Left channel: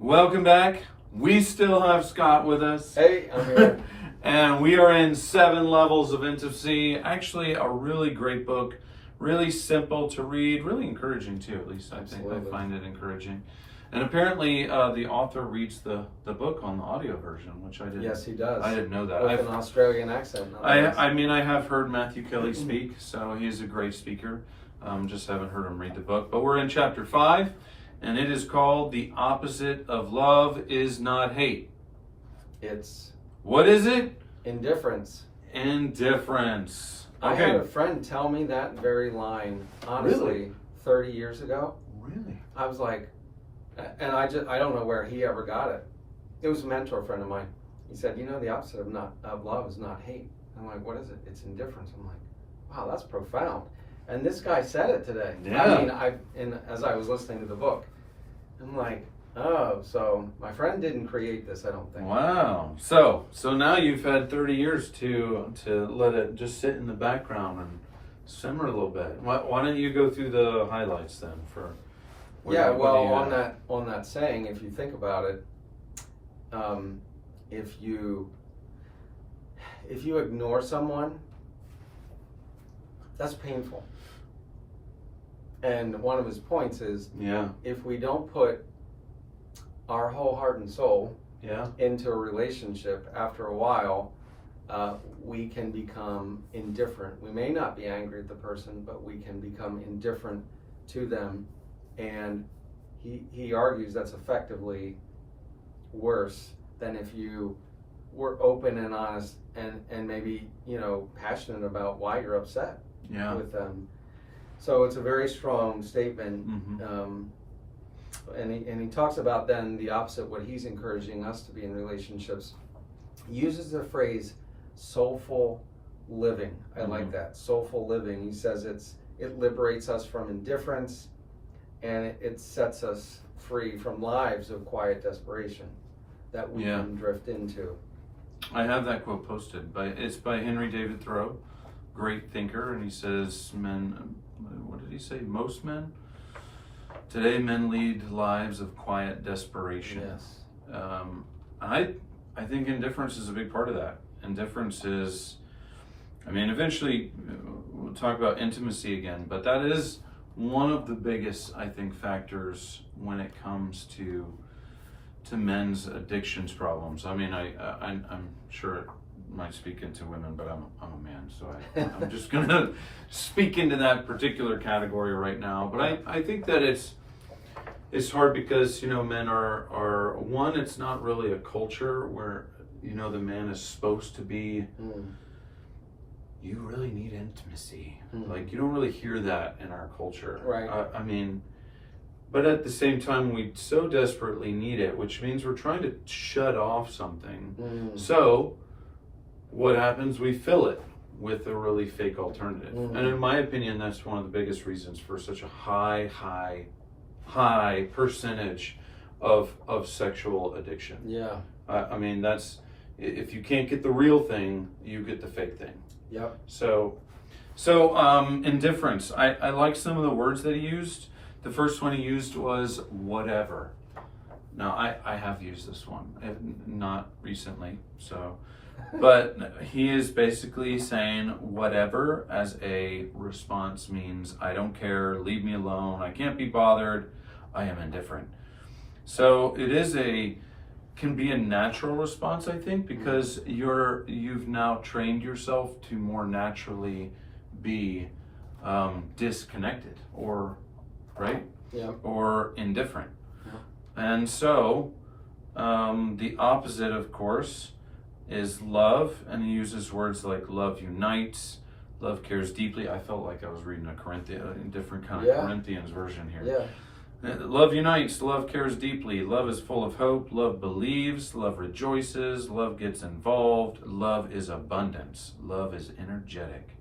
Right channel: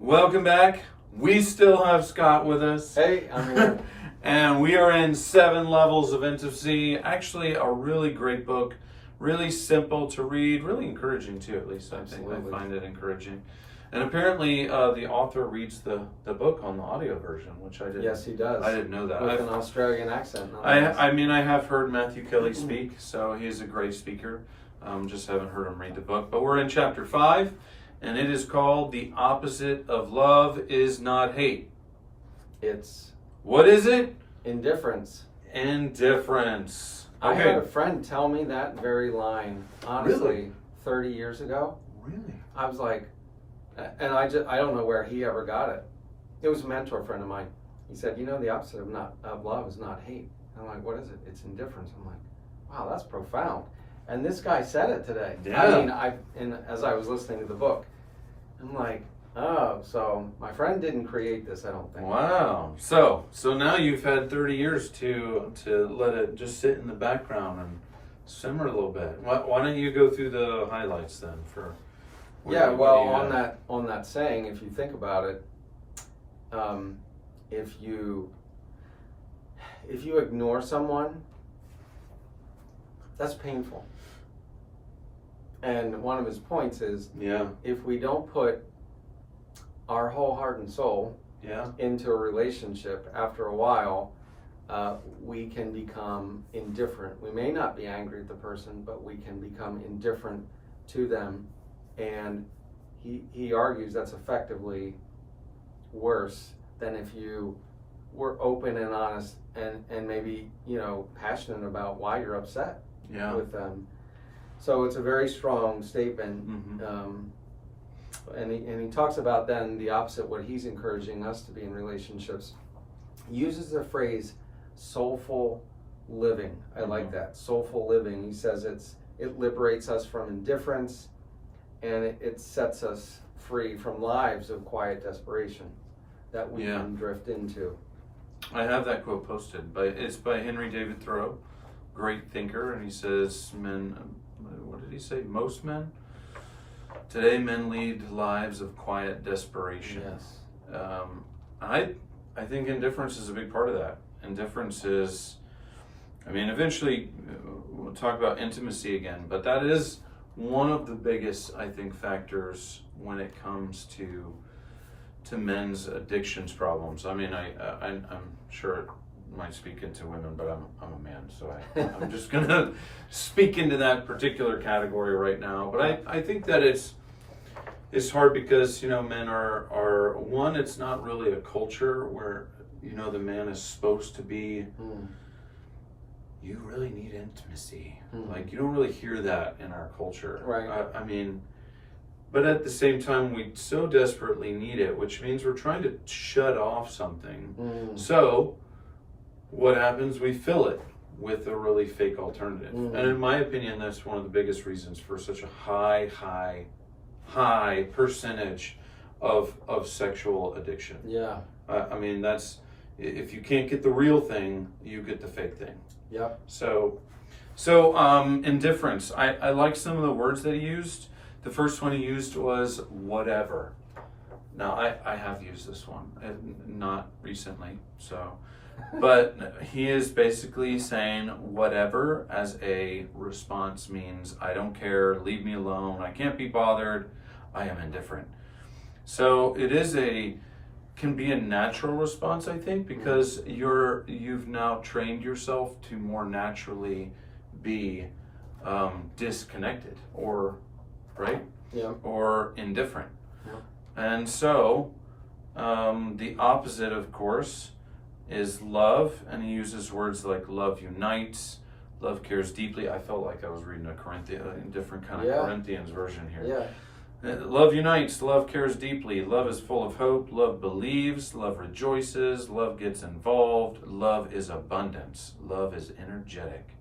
Welcome back. We still have Scott with us. Hey, I'm here. And we are in 7 Levels of Intimacy. Actually, a really great book. Really simple to read. Really encouraging, too, at least I think. Absolutely. I find it encouraging. And apparently, the author reads the book on the audio version, which I didn't. Yes, he does. I didn't know that. With an Australian accent. I mean, I have heard Matthew Kelly speak, so he's a great speaker. Just haven't heard him read the book. But we're in chapter 5, and it is called The Opposite of Love is Not Hate. It's What is it? indifference. Indifference. I had Okay. a friend tell me that very line, honestly, Really? 30 years ago. Really? I was like, and I don't know where he ever got it. It was a mentor friend of mine. He said, the opposite of love is not hate. I'm like, what is it? It's indifference. I'm like, wow, that's profound. And this guy said it today. Yeah. I mean, as I was listening to the book, I'm like, oh, so my friend didn't create this, I don't think. Wow. So now you've had 30 years to let it just sit in the background and simmer a little bit. Why don't you go through the highlights then for? Yeah, what well, do you on that saying, if you think about it, if you ignore someone, that's painful. And one of his points is, Yeah. if we don't put our whole heart and soul Yeah. into a relationship, after a while, we can become indifferent. We may not be angry at the person, but we can become indifferent to them. And he argues that's effectively worse than if you were open and honest and maybe, passionate about why you're upset Yeah. with them. So it's a very strong statement. Mm-hmm. And he talks about then the opposite, what he's encouraging us to be in relationships. He uses the phrase soulful living. I like that. Soulful living. He says it liberates us from indifference, and it sets us free from lives of quiet desperation that we can drift into. I have that quote posted, it's by Henry David Thoreau, great thinker, and he says, what did he say? Most men? Today men lead lives of quiet desperation. Yes. I think indifference is a big part of that. Indifference is, eventually we'll talk about intimacy again, but that is one of the biggest, I think, factors when it comes to men's addictions problems. I'm sure it might speak into women, but I'm a man, so I'm just gonna speak into that particular category right now. But I think that it's hard because men are one. It's not really a culture where the man is supposed to be. You really need intimacy. Like, you don't really hear that in our culture. Right. But at the same time, we so desperately need it, which means we're trying to shut off something. So what happens? We fill it with a really fake alternative. And in my opinion, that's one of the biggest reasons for such a high percentage of sexual addiction. Yeah. That's, if you can't get the real thing, you get the fake thing. Yeah. So indifference. I like some of the words that he used. The first one he used was whatever. Now, I have used this one, not recently, but he is basically saying whatever as a response means I don't care, leave me alone, I can't be bothered, I am indifferent. So it can be a natural response, I think, because you've now trained yourself to more naturally be disconnected or indifferent. And so the opposite, of course, is love, and he uses words like love unites, love cares deeply. I felt like I was reading a different kind of Corinthians version here. Love unites, love cares deeply, love is full of hope, love believes, love rejoices, love gets involved, love is abundance, love is energetic.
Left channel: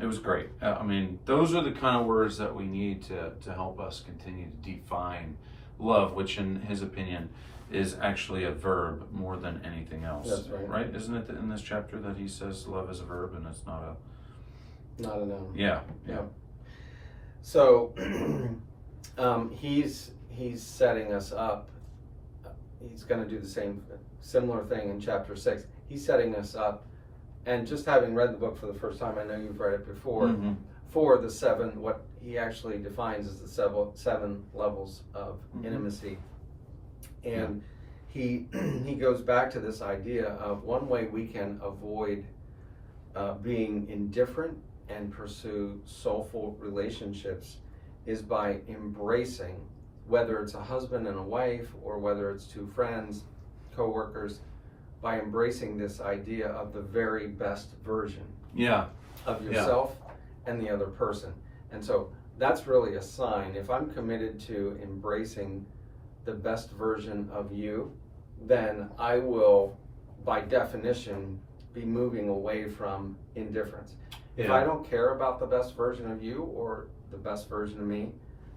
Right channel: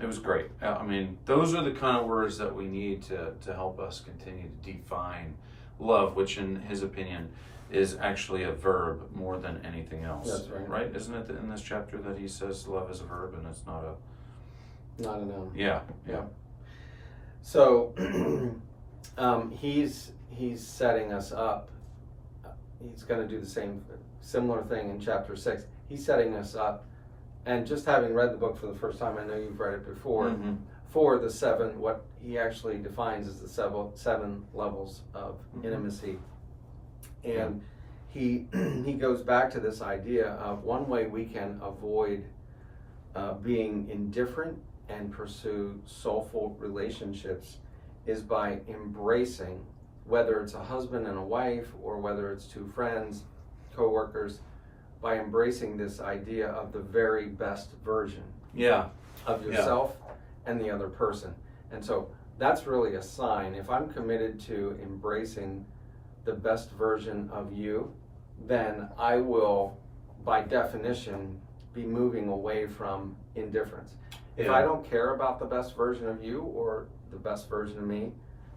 It was great. Those are the kind of words that we need to help us continue to define love, which in his opinion is actually a verb more than anything else. That's right. Right? Isn't it in this chapter that he says love is a verb and it's not a noun? Yeah. So he's setting us up he's going to do the similar thing in chapter 6. He's setting us up, and just having read the book for the first time, I know you've read it before, for the 7, what he actually defines as the 7 levels of intimacy. And he goes back to this idea of one way we can avoid being indifferent and pursue soulful relationships is by embracing, whether it's a husband and a wife or whether it's 2 friends, co-workers, by embracing this idea of the very best version of yourself and the other person. And so that's really a sign. If I'm committed to embracing the best version of you, then I will, by definition, be moving away from indifference. If I don't care about the best version of you or the best version of me,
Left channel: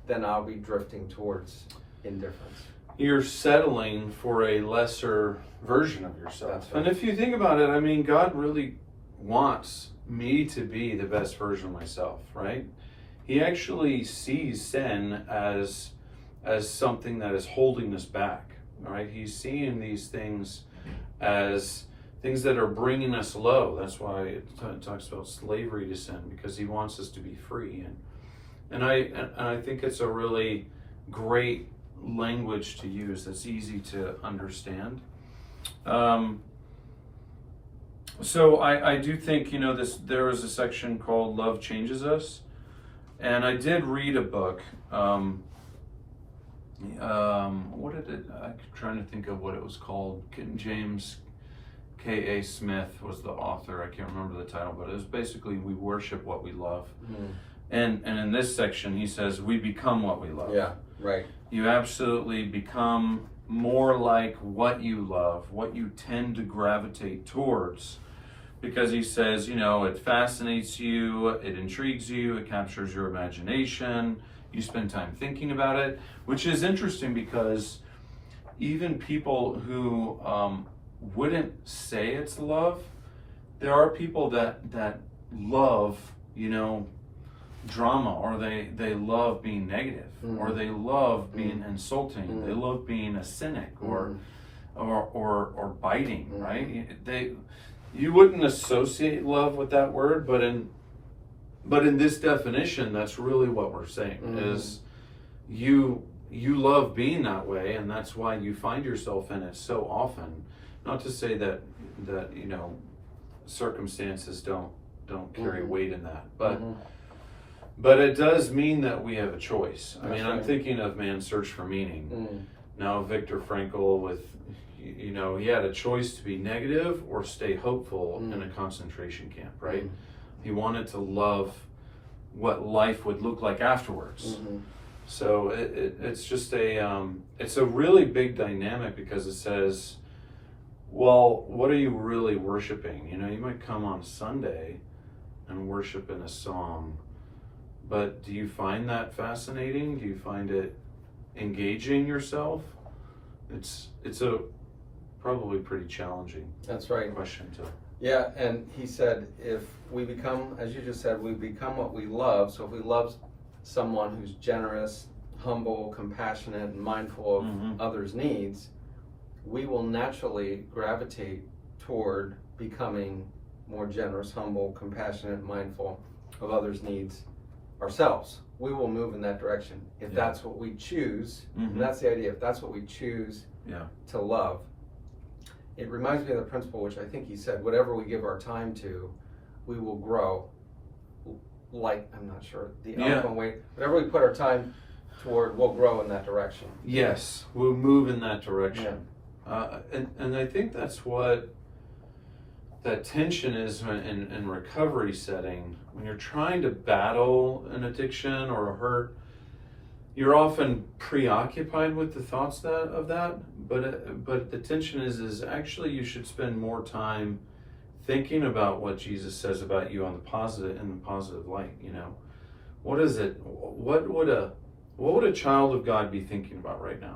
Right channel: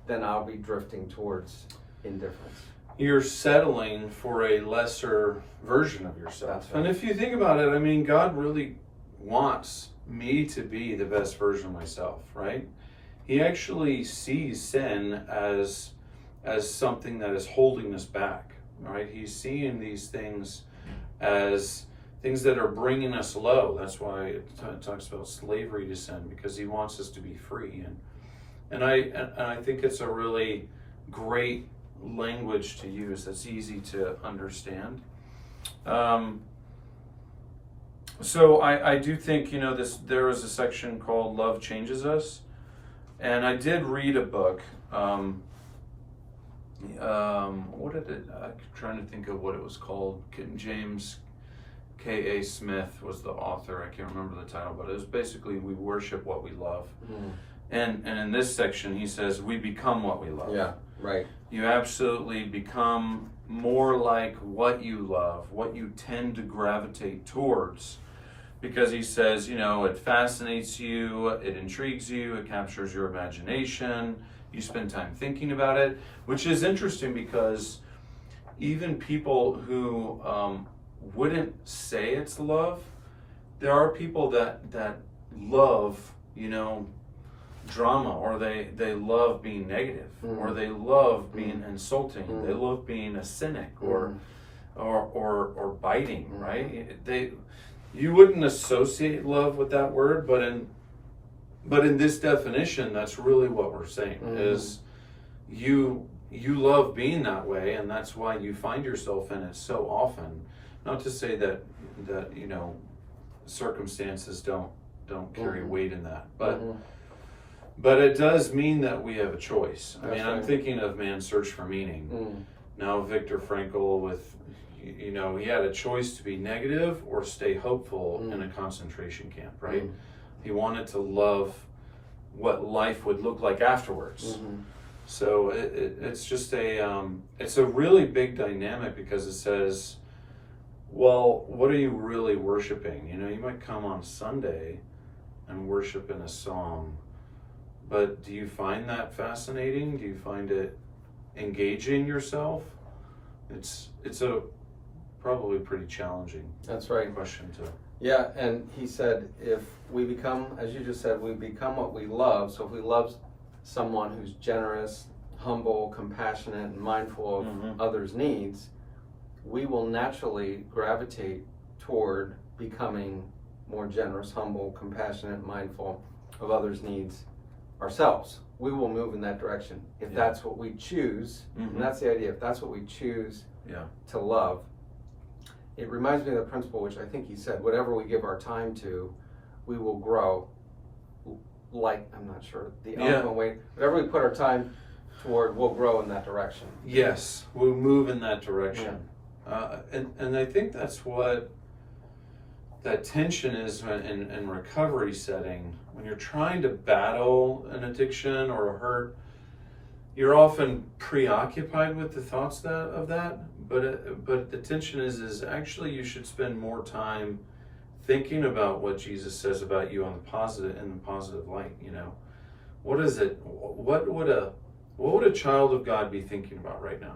then I'll be drifting towards indifference. You're settling for a lesser version of yourself. That's right. And if you think about it, I mean, God really wants me to be the best version of myself, right? He actually sees sin as something that is holding us back, right? He's seeing these things as things that are bringing us low. That's why it talks about slavery to sin, because he wants us to be free. And I think it's a really great language to use that's easy to understand. So I do think, there is a section called Love Changes Us. And I did read a book. I'm trying to think of what it was called. James K.A. Smith was the author. I can't remember the title, but it was basically We Worship What We Love. And in this section, he says, we become what we love. Yeah, right. You absolutely become more like what you love, what you tend to gravitate towards. Because he says, it fascinates you, it intrigues you, it captures your imagination, you spend time thinking about it, which is interesting because even people who wouldn't say it's love, there are people that love, drama, or they love being negative, or they love being insulting, they love being a cynic, or biting, right? You wouldn't associate love with that word, but in this definition, that's really what we're saying is you love being that way, and that's why you find yourself in it so often. Not to say that circumstances don't carry weight in that, but it does mean that we have a choice. I mean, I'm thinking of Man's Search for Meaning. Now, Viktor Frankl with, he had a choice to be negative or stay hopeful in a concentration camp, right? He wanted to love what life would look like afterwards. So it's just it's a really big dynamic, because it says, well, what are you really worshiping? You might come on Sunday and worship in a song, but do you find that fascinating? Do you find it engaging yourself? It's a probably pretty challenging question to. Yeah, and he said, if we become, as you just said, we become what we love. So if we love someone who's generous, humble, compassionate, and mindful of others' needs, we will naturally gravitate toward becoming more generous, humble, compassionate, mindful of others' needs ourselves. We will move in that direction if that's what we choose. And that's the idea. If that's what we choose to love. It reminds me of the principle, which I think he said, whatever we give our time to, we will grow. Like, I'm not sure, the eloquent way. Whatever we put our time toward, we'll grow in that direction. Yes, we'll move in that direction. And I think that's what that tension is in recovery setting. When you're trying to battle an addiction or a hurt, you're often preoccupied with the thoughts of that, but the tension is actually you should spend more time thinking about what Jesus says about you in the positive light. What is it? What would a child of God be thinking about right now?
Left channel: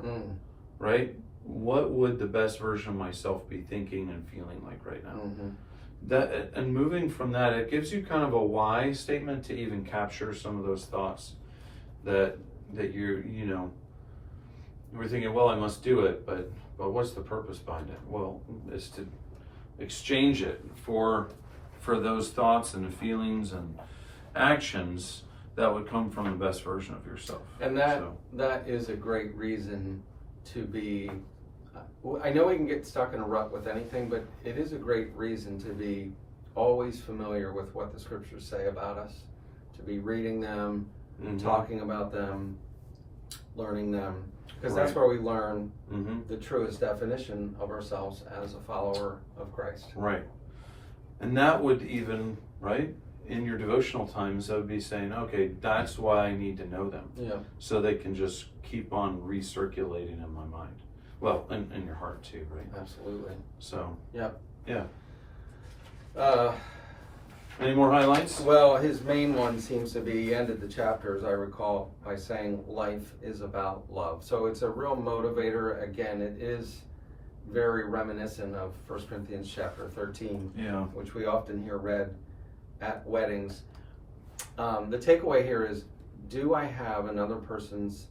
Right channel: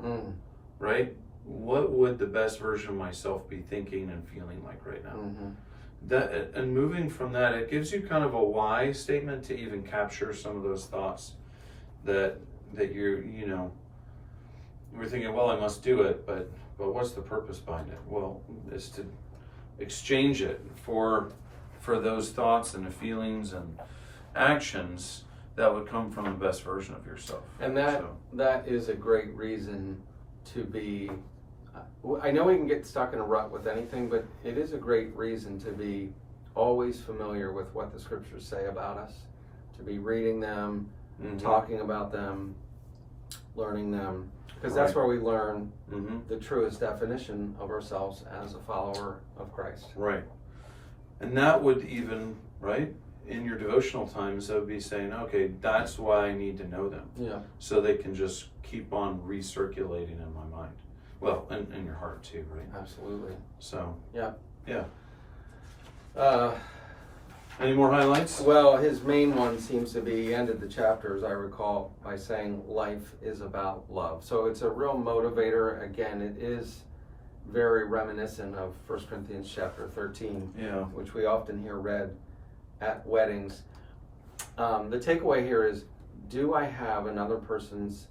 Right? What would the best version of myself be thinking and feeling like right now? That, and moving from that, it gives you kind of a why statement to even capture some of those thoughts that we're thinking, well, I must do it, but what's the purpose behind it? Well, it's to exchange it for those thoughts and the feelings and actions that would come from the best version of yourself. And that is a great reason to be, I know we can get stuck in a rut with anything, but it is a great reason to be always familiar with what the scriptures say about us, to be reading them, talking about them, learning them, because that's where we learn the truest definition of ourselves as a follower of Christ. Right. And that would even, right, in your devotional times, that would be saying, okay, that's why I need to know them. Yeah. So they can just keep on recirculating in my mind. Well, in your heart too, right? Absolutely. So. Yeah. Yeah. Any more highlights? Well, his main one seems to be, he ended the chapter, as I recall, by saying life is about love. So it's a real motivator. Again, it is very reminiscent of 1 Corinthians chapter 13, which we often hear read at weddings. The takeaway here is, do I have another person's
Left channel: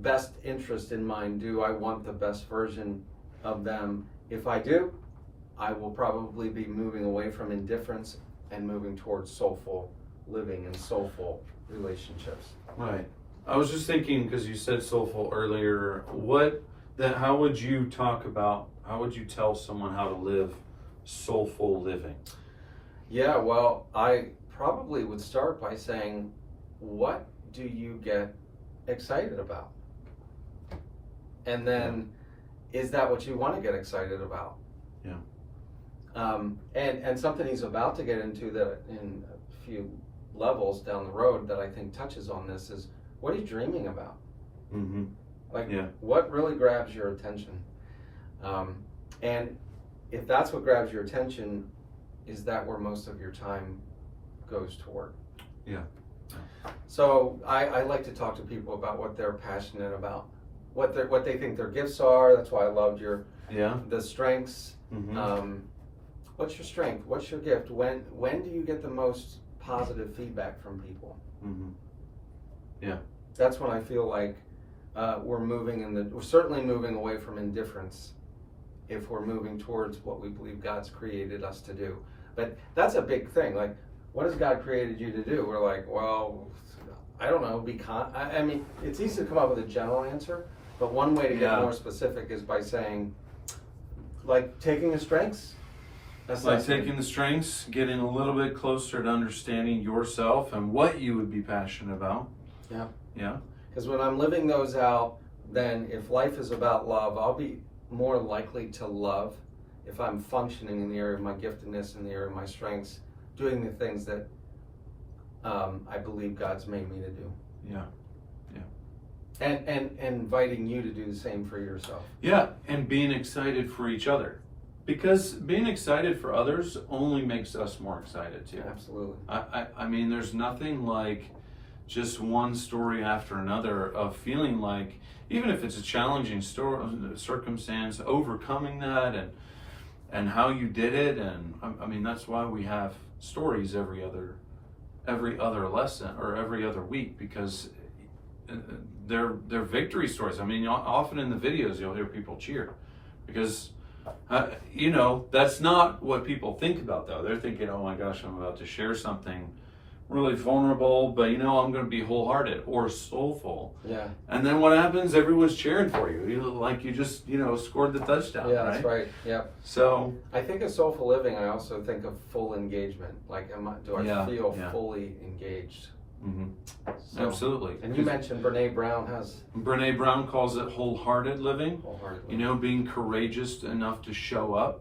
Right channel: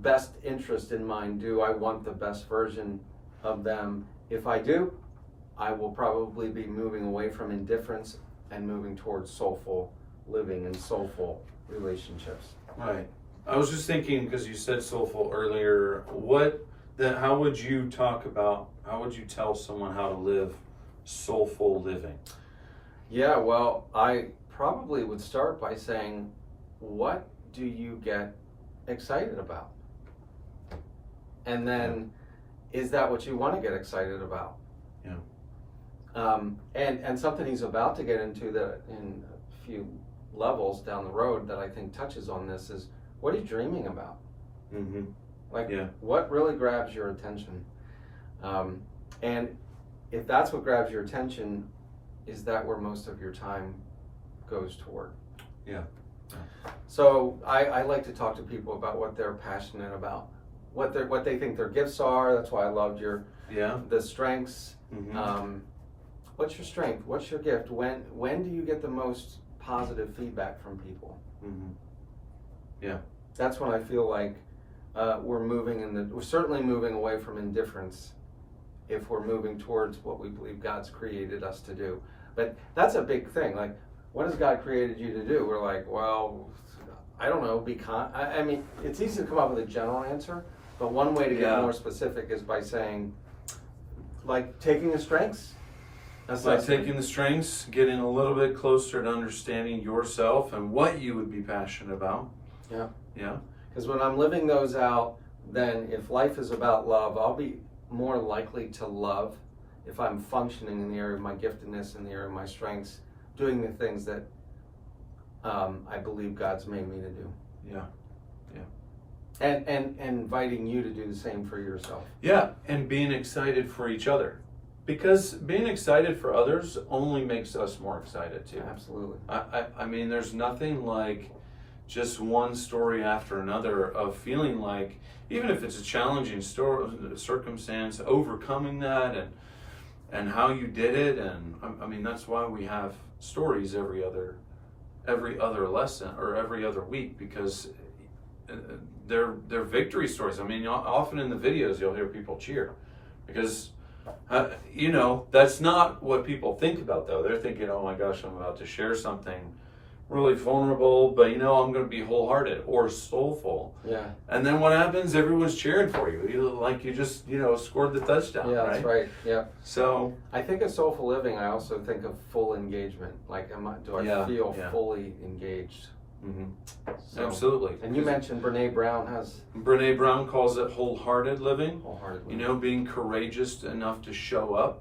best interest in mind? Do I want the best version of them? If I do, I will probably be moving away from indifference and moving towards soulful living and soulful relationships. Right. I was just thinking, because you said soulful earlier, how would you tell someone how to live soulful living? Yeah, well, I probably would start by saying, what do you get excited about? And then, is that what you want to get excited about? Yeah. And something he's about to get into that in a few levels down the road that I think touches on this is, what are you dreaming about? What really grabs your attention? And if that's what grabs your attention, is that where most of your time goes toward? Yeah. So I like to talk to people about what they're passionate about, what they think their gifts are. That's why I loved the strengths. What's your strength? What's your gift? When do you get the most positive feedback from people? Yeah. That's when I feel like we're certainly moving away from indifference if we're moving towards what we believe God's created us to do. But that's a big thing. Like, what has God created you to do? We're like, well, I don't know. I mean, it's easy to come up with a general answer, but one way to get more specific is by saying, like, taking the strengths. That's like taking the strengths, getting a little bit closer to understanding yourself and what you would be passionate about. Yeah. Yeah. Because when I'm living those out, then if life is about love, I'll be more likely to love if I'm functioning in the area of my giftedness, in the area of my strengths, doing the things that I believe God's made me to do. Yeah. And inviting you to do the same for yourself. Yeah, and being excited for each other. Because being excited for others only makes us more excited too. Absolutely. I mean, there's nothing like just one story after another of feeling like, even if it's a challenging circumstance, overcoming that and how you did it. And I mean, that's why we have stories every other lesson or every other week, because they're victory stories. I mean, often in the videos you'll hear people cheer because that's not what people think about, though. They're thinking, oh my gosh, I'm about to share something really vulnerable, but I'm going to be wholehearted or soulful. Yeah. And then what happens? Everyone's cheering for you. You just scored the touchdown. Yeah, right? That's right. Yeah. So I think of soulful living. I also think of full engagement. Like, do I feel fully engaged? So, absolutely. And you mentioned Brene Brown calls it wholehearted living. Wholehearted living. Being courageous enough to show up.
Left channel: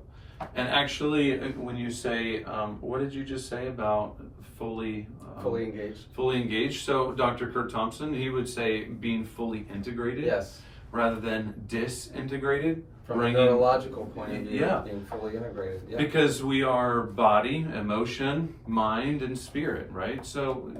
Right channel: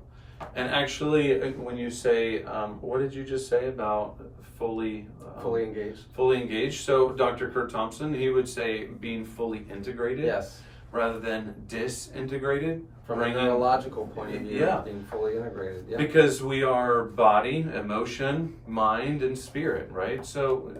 And actually, when you say, what did you just say about fully engaged? Fully engaged. So Dr. Kurt Thompson, he would say being fully integrated. Yes. Rather than disintegrated. From a neurological point of view, being fully integrated. Yeah. Because we are body, emotion, mind, and spirit, right? So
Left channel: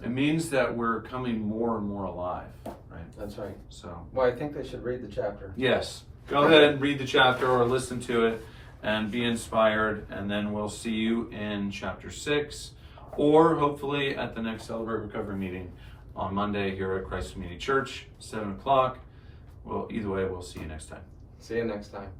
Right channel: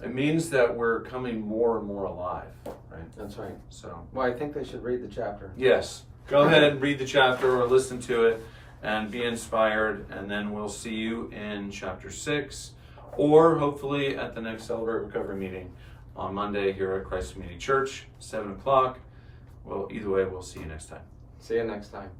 it means that we're coming more and more alive, right? That's right. So. Well, I think they should read the chapter. Yes. Go ahead and read the chapter or listen to it and be inspired, and then we'll see you in chapter 6, or hopefully at the next Celebrate Recovery meeting on Monday here at Christ Community Church, 7 o'clock. Well, either way, we'll see you next time. See you next time.